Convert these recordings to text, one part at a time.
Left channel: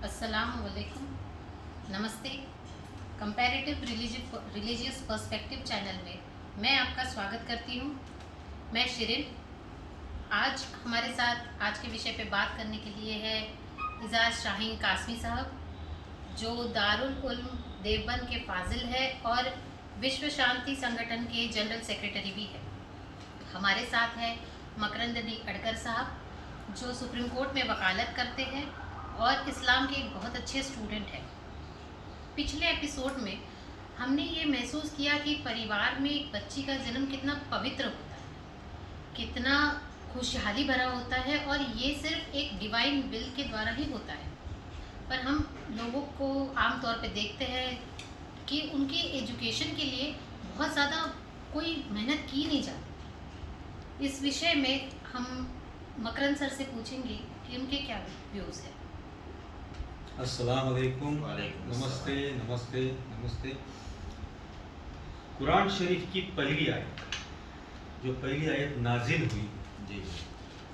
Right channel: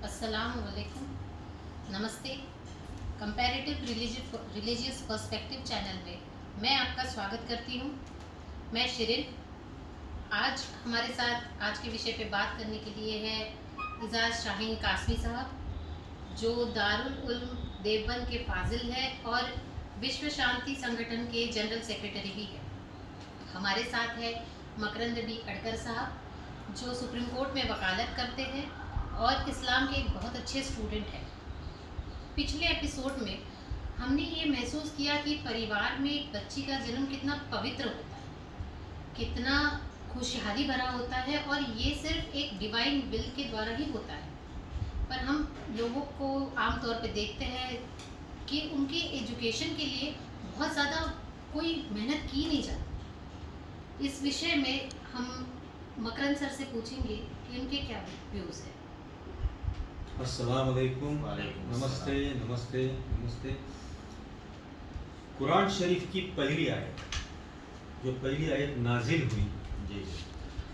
अस्सलाम वालेकुम, नमस्ते। कंपैरेटिव रिलीजियस पर्सपेक्टिव चैनल में मैं आपका स्वागत करती हूँ। मैं शिरिन। आज हमारे साथ आज के विषय पे बात करने के लिए है इजाज़ शाहीन कासमी साहब, जो दारुल उल्म देवबंद के फाजिल है और विश्व शांति संगठन के जनरल सेक्रेटरी भी है। हमारे साथ है मकरंद डी अडकर साहब, जो सुप्रीम कोर्ट में वकालत करते हैं और इस्लाम के एक बहुत अच्छे स्टूडेंट हैं। पिछले एपिसोड में हमने ये महसूस किया कि परिवार में एक बच्ची का जन्म कितना पवित्र होता है, कितना खुशहाली भरा होता है, और ये सिर्फ एक डिवाइन विल के द्वारा ही होता है। पर हम लोगों को आम तौर पे देखते हैं कि उनके एजुकेशन के लिए बहुत ज़्यादा कोई मेहनत की नहीं जाती। इस विषय में हम मकरंद सर से पूछेंगे कि उनके क्या व्यूज़ हैं। अस्सलाम वालेकुम, नमस्ते नमस्ते नमस्ते। कुरान शरीफ की पहली आयत, जो पहली आयत नाजिल हुई, जी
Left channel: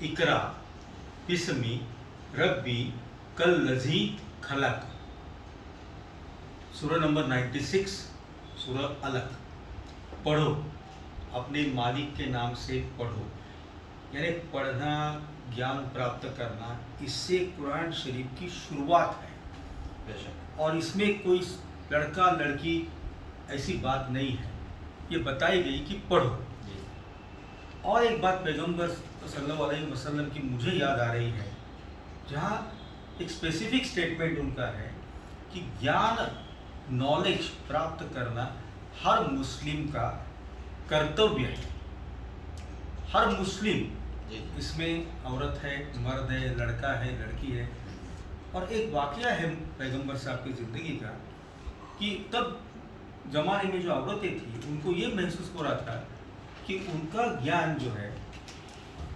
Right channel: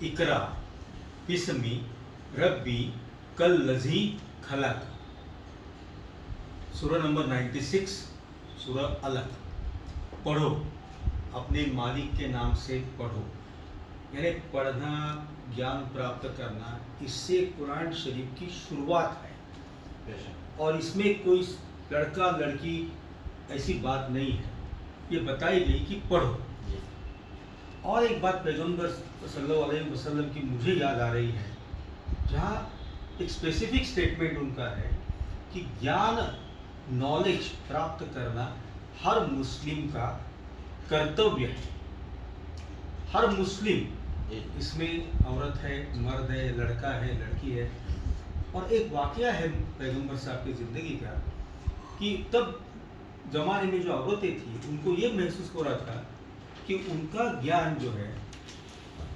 इकरा बिस्मी रब्बी कल्लज़ी खलक, सूरह नंबर 96, सूरह अलक। पढ़ो, अपने मालिक के नाम से पढ़ो, यानी पढ़ना, ज्ञान प्राप्त करना, इससे कुरान शरीफ की शुरुआत है। बेशक। और इसमें कोई लड़का लड़की ऐसी बात नहीं है, ये बताई गई कि पढ़ो। जी। और एक बात पैगंबर सल्लल्लाहु अलैहि वसल्लम की मुझे याद आ रही है, जहाँ एक स्पेसिफिक स्टेटमेंट उनका है कि ज्ञान, नॉलेज प्राप्त करना हर मुस्लिम का कर्तव्य है। हर मुस्लिम, जी। इसमें औरत है, मर्द है, लड़का है, लड़की है। और एक वाक़या है पैगंबर साहब की ज़िंदगी का कि तब ज़माने में जो औरतें थी, उनको ये महसूस हो रहा था कि उनका ज्ञान जो है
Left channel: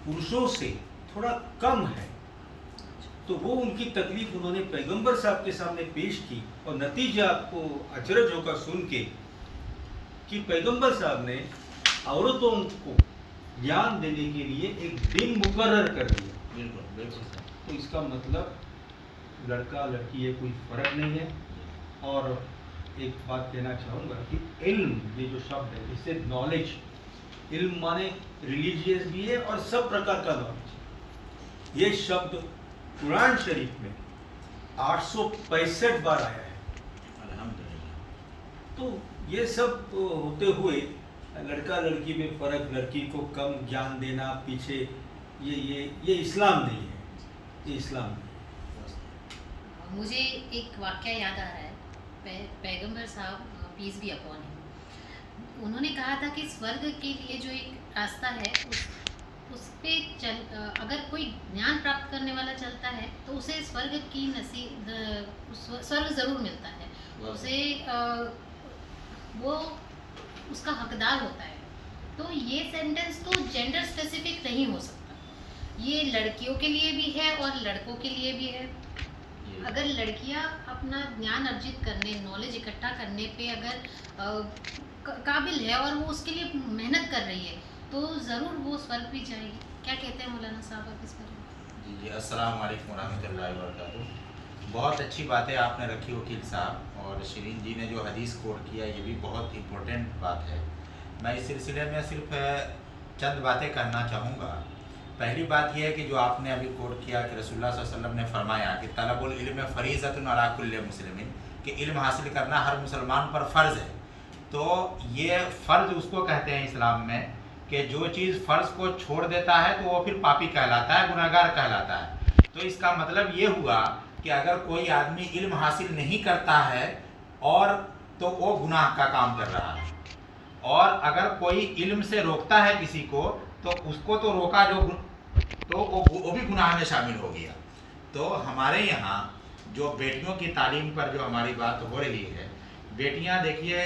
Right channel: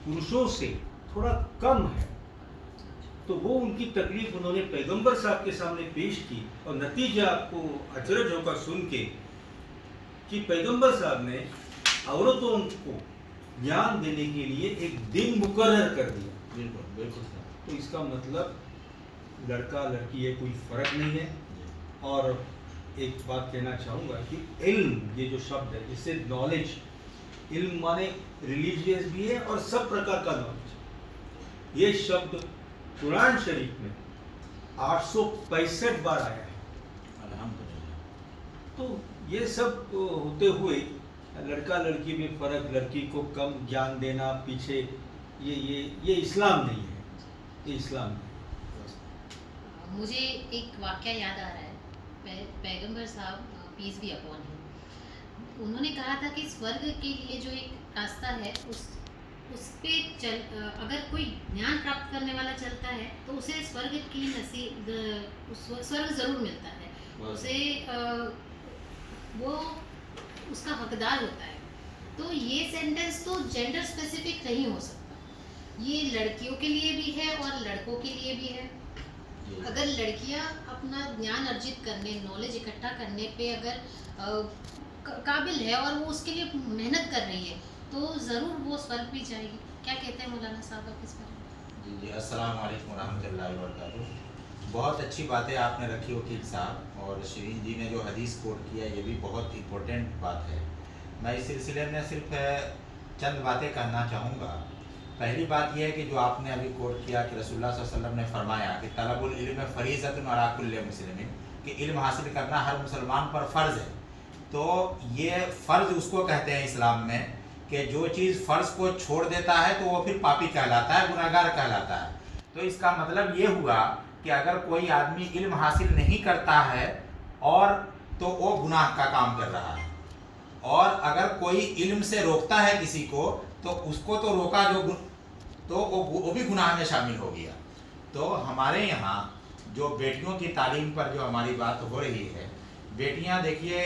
पुरुषों से थोड़ा कम है। तो वो उनकी तकलीफ उन्होंने पैगंबर साहब के सामने पेश की, और नतीजा आपको अचरज होगा सुन के कि पैगंबर साहब ने औरतों को ज्ञान देने के लिए एक दिन मुकर्रर कर दिया। बिल्कुल बिल्कुल सर। तो इसका मतलब लड़का लड़की ये कोई फ़र्क नहीं है। और एक बात कहना चाहूँगा कि इल्म, ये जो शब्द है, इससे नॉलेज, इल्म माने रिलीजियस भी है और सब प्रकार का नॉलेज। ये शब्द कुरान शरीफ में 865 बार आया है। अल्हम्दुलिल्लाह। तो ये सब होते हुए लड़का लड़की में फ़र्क, लड़की को कम ज्ञान देना पीछे, ये इस्लाम नहीं है, ये इस्लाम नहीं है। मुझे एक वाक़या याद आ रहा है। पैगंबर साहब, पीस भी अपॉन हिम, उन्होंने कहा था कि स्वर्ग के लिए जो एक रास्ता है, उस पे अगर कोई ज्ञान प्राप्त करने वाला चलता है तो उसे स्वर्ग की स्वर्ग ज़रूर मिलता है, उसे वो उसका हकदार होता है। तो ये सेंटेंस तो जेंडर स्पेसिफिक नहीं हो सकता, ये लड़कियों के लिए भी है और लड़कों के लिए भी है। अगर लड़कियां अपना ज्ञान अर्जित करने, नॉलेज इकट्ठा करने पे अगर काबिल है और वो उसके लिए मेहनत कर रही है, तो ज़रूर वो स्वर्ग भी जाएगी। क्या कहते हैं मौलाना साहब आप इस बारे में? जी जी, अस्सलाम वालेकुम रहमतुल्लाहि व बरकातुहू। बहुत अच्छी बातें आपने रखी वकील साहब, और शिरीन जी ने जो हदीस कोट किया, ये भी बहुत इम्पोर्टेंट बात है। मैं इस सिलसिले में सिर्फ चंद बातें कहना चाहूँगा। पहली बात यह है कि जो आपने अभी कोट किया कि रसूलुल्लाह सल्लल्लाहु अलैहि वसल्लम ने फरमाया कि तलबुल इल्म फ़रीज़तुन अला कुल्लि मुस्लिमिन, कि इल्म हासिल करना हर मुसलमान पर फ़र्ज़ है। तो ये फ़र्ज़ उसको कहते हैं इस्लाम में कि जो चीज़ फ़र्ज़ को छोड़ देता है तो वो फिर पापी कहलाता है, गुनहगार कहलाता है। तो इसका मतलब ये हुआ कि अगर कोई आदमी इल्म हासिल नहीं करता है और तो वो गुनाह का काम कर रहा है, और अगर कोई इल्म से रोकता है किसी को तो उसको तो रोका तो वो भी गुनाह में शामिल हो गया। तो हमारे यहाँ जो बेटियों की तालीम पर जो हमारी बात हो रही है, बेटियाँ देखिए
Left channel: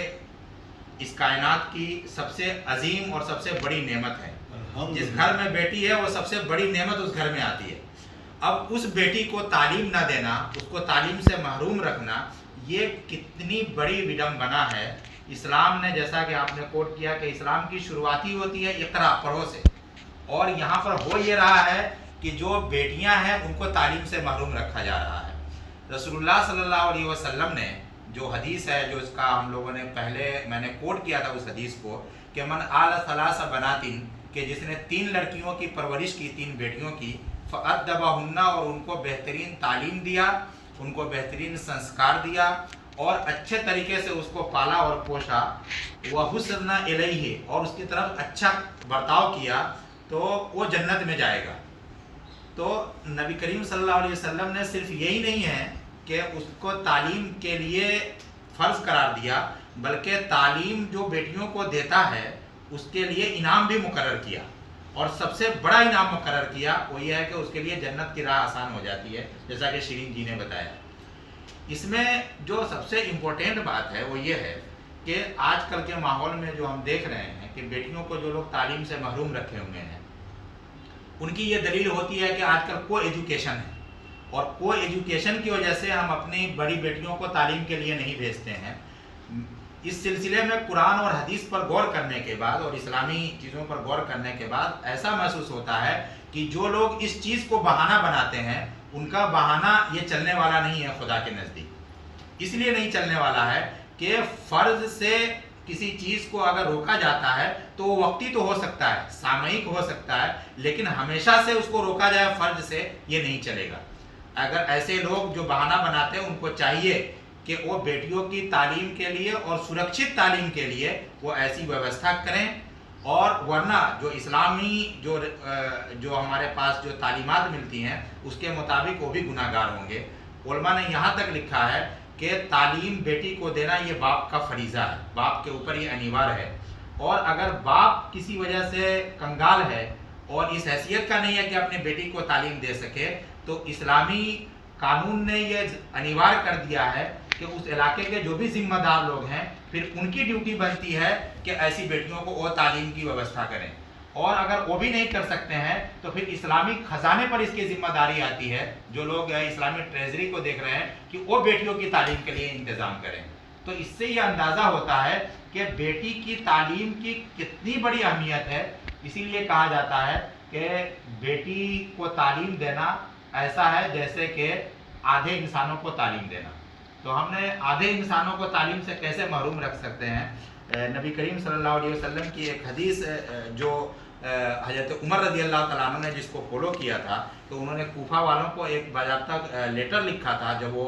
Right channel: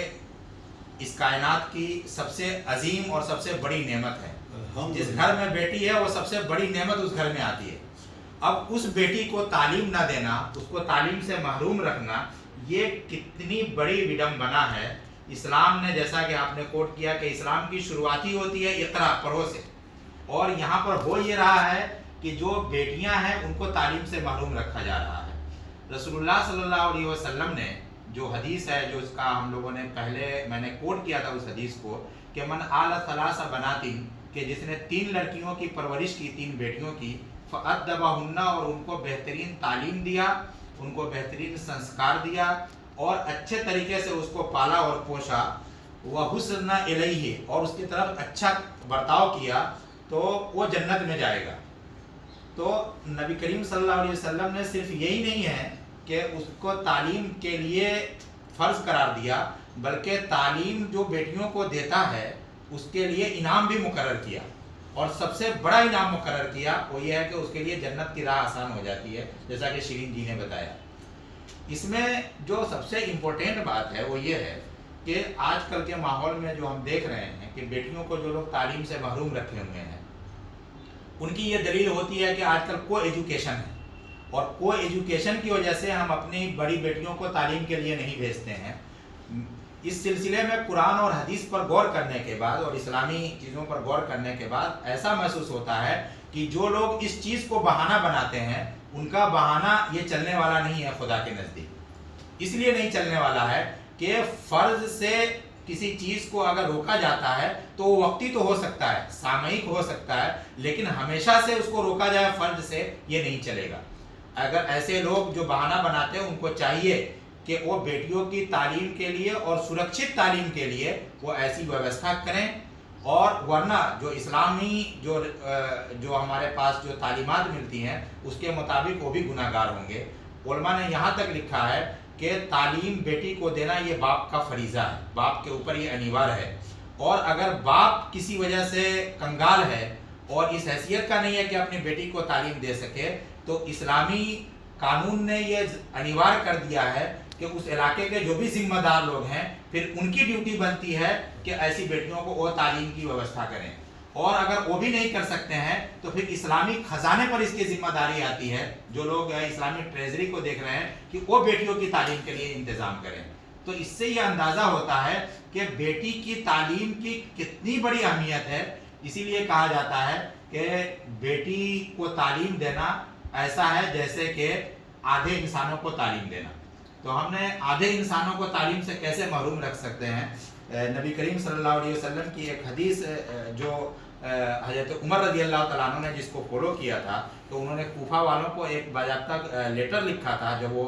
इस कायनात की सबसे अजीम और सबसे बड़ी नेमत है। जिस घर में बेटी है वो सबसे बड़ी नेमत उस घर में आती है। अब उस बेटी को तालीम ना देना, उसको तालीम से महरूम रखना, ये कितनी बड़ी विडंबना है। इस्लाम ने, जैसा कि आपने कोट किया कि इस्लाम की शुरुआत ही होती है इक़रा, पढ़ो से, और यहाँ पर हो ये रहा है कि जो बेटियां हैं उनको तालीम से महरूम रखा जा रहा है। रसूलुल्लाह सल्लल्लाहु अलैहि वसल्लम ने जो हदीस है, जो इसका हम लोगों ने पहले मैंने कोट किया था उस हदीस को, कि मन आल सलासा बनातिन, कि जिसने 3 लड़कियों की परवरिश की, 3 बेटियों की, फ़अद्दबहुन्ना, और उनको बेहतरीन तालीम दिया, उनको बेहतरीन संस्कार दिया और अच्छे तरीके से उसको पाला और पोषा, वह हुस्न इलैहि, और उसकी तरफ अच्छा बर्ताव किया, तो वो जन्नत में जाएगा। तो नबी करीम सल्लल्लाहु अलैहि वसल्लम ने सिर्फ यही नहीं है कि उसको तालीम के लिए फ़र्ज़ करार दिया, बल्कि तालीम जो बेटियों को देता है उसके लिए इनाम भी मुकर्रर किया, और सबसे बड़ा इनाम मुकर्रर किया वो ये है कि उसके लिए जन्नत की राह आसान हो जाती है, जैसा कि शिरीन जी ने बताया। इसमें जो सबसे इम्पोर्टेंट बात है वो ये है कि आजकल के माहौल में जो हम देख रहे हैं कि बेटियों को जो लोग तालीम से महरूम रखे हुए हैं, उनकी ये दलील होती है कि आजकल को एजुकेशन है, और को एजुकेशन की वजह से हम अपनी बड़ी बेटियों को तालीम के लिए नहीं भेजते हैं। इस सिलसिले में कुरान और हदीस पर गौर करने के बाद और इस्लामी चीज़ों पर गौर करने के बाद ऐसा महसूस होता है कि जो लोग इस चीज़ को बहाना बनाते हैं, उनका बहाना ये चलने वाला नहीं है खुदा के नज़दीक। इसलिए नहीं चलने वाला है कि फ़र्ज़ से किसी चीज़ को अगर रोका जाता है तो वो वक्ती तो हो सकता है, सामयिक हो सकता है, लेकिन हमेशा से उसको रोका जाए फ़र्ज से, ये नहीं चलेगा। अगर ऐसे लोग जो बहाना बनाते हैं, उनको चाहिए कि वो बेटियों की तालीम के लिए और सुरक्षित तालीम के लिए वो ऐसी व्यवस्था करें, और वरना जो इस्लामी जो हमारे पास जो तालीमात मिलती हैं उसके मुताबिक वो भी गुनाहगार होंगे। उलमा ने यहाँ तक लिखा है कि तालीम बेटी को देना ये बाप का फरीज़ा है, बाप के ऊपर ये अनिवार्य है, और अगर बाप किसी वजह से कंगाल है और इस हैसियत का नहीं है कि अपनी बेटी को तालीम दे सके, तो इस्लामी कानून ने ये अनिवार्य कर दिया है कि उस इलाके के जो भी जिम्मेदार लोग हैं, फिर उनकी ड्यूटी बनती है कि ऐसी बेटियों को वो तालीम की व्यवस्था करें, और अगर वो भी नहीं कर सकते हैं तो फिर इस्लामी खजाने पर इसकी जिम्मेदारी आती है, जो लोग इस्लामी ट्रेजरी को देख रहे हैं, कि वो बेटियों की तालीम के लिए इंतज़ाम करें। तो इससे ये अंदाज़ा होता है कि बेटी की तालीम की कितनी बड़ी अहमियत है। इसीलिए कहा जाता है कि बेटी को तालीम देना ऐसा है जैसे कि आधे इंसानों को तालीम देना। तो हमने आधे इंसानों को तालीम से कैसे महरूम रख सकते हैं? नबी करीम सल्लल्लाहु अलैहि वसल्लम की एक हदीस जो हज़रत उमर रज़ी अल्लाह तआला अन्हु ने जिसको फॉलो किया था, तो उन्होंने कूफा वालों को एक बाज़ाब्ता लेटर लिखा था जब वो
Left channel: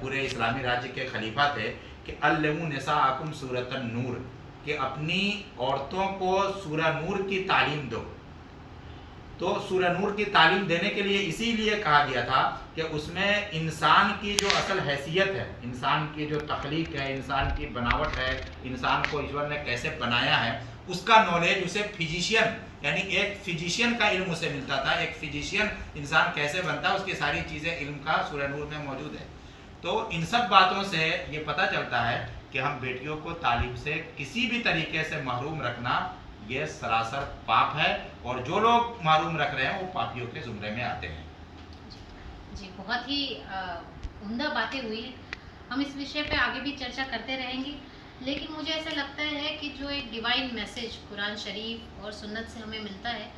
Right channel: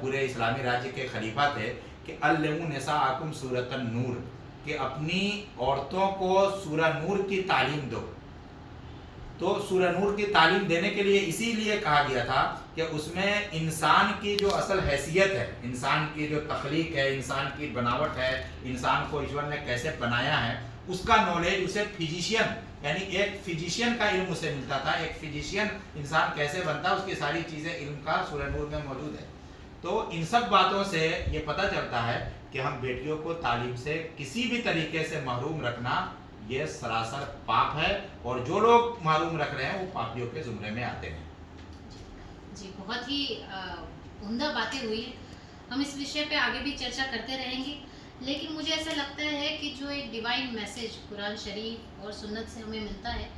पूरे इस्लामी राज्य के खलीफा थे, कि अल्लिमू निसाअकुम सूरतन नूर, कि अपनी औरतों को सूरह नूर की तालीम दो। तो सूरह नूर की तालीम देने के लिए इसीलिए कहा गया था कि उसमें इंसान की जो असल हैसियत है, इंसान की जो तख्लीक है, इंसान की बनावट है, इंसान को ईश्वर ने कैसे बनाया है, उसका नॉलेज उसे फिजिशियन, यानी एक फिजिशियन का इल्म उसे मिलता था। एक फिजिशियन इंसान कैसे बनता है, उसकी सारी चीज़ें इल्म का सूरह नूर में मौजूद है। तो इन सब बातों से ये पता चलता है कि हम बेटियों को तालीम से किसी भी तरीके से महरूम रखना ये सरासर पाप है, और जो लोग महरूम रख रहे हैं वो पापियों के जुमरे में आते हैं। जी, बहुत ही उम्दा बातें हुई हैं। हम इस विषय पे आगे भी चर्चा करते रहेंगे, लेकिन मुझे ऐसा लगता है कि जो एक डिवाइन मैसेज कुरान शरीफ और सुन्नत से हमें मिलता है,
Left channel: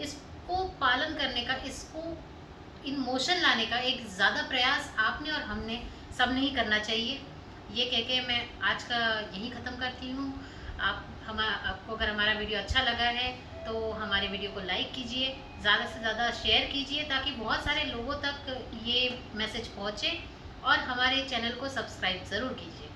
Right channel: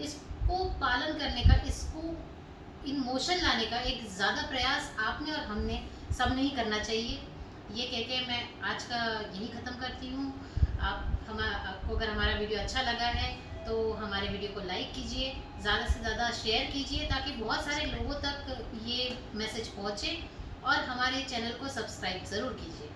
इसको पालन करने का, इसको इन मोशन लाने का एक ज़्यादा प्रयास आपने और हमने सब नहीं करना चाहिए। ये कह के मैं आज का यही ख़त्म करती हूँ। आपको अगर हमारा वीडियो अच्छा लगा है तो हमारे वीडियो को लाइक कीजिए, ज़्यादा से ज़्यादा शेयर कीजिए, ताकि बहुत सारे लोगों तक ये मैसेज पहुँचे, और हमारे चैनल को सब्सक्राइब ज़रूर कीजिए।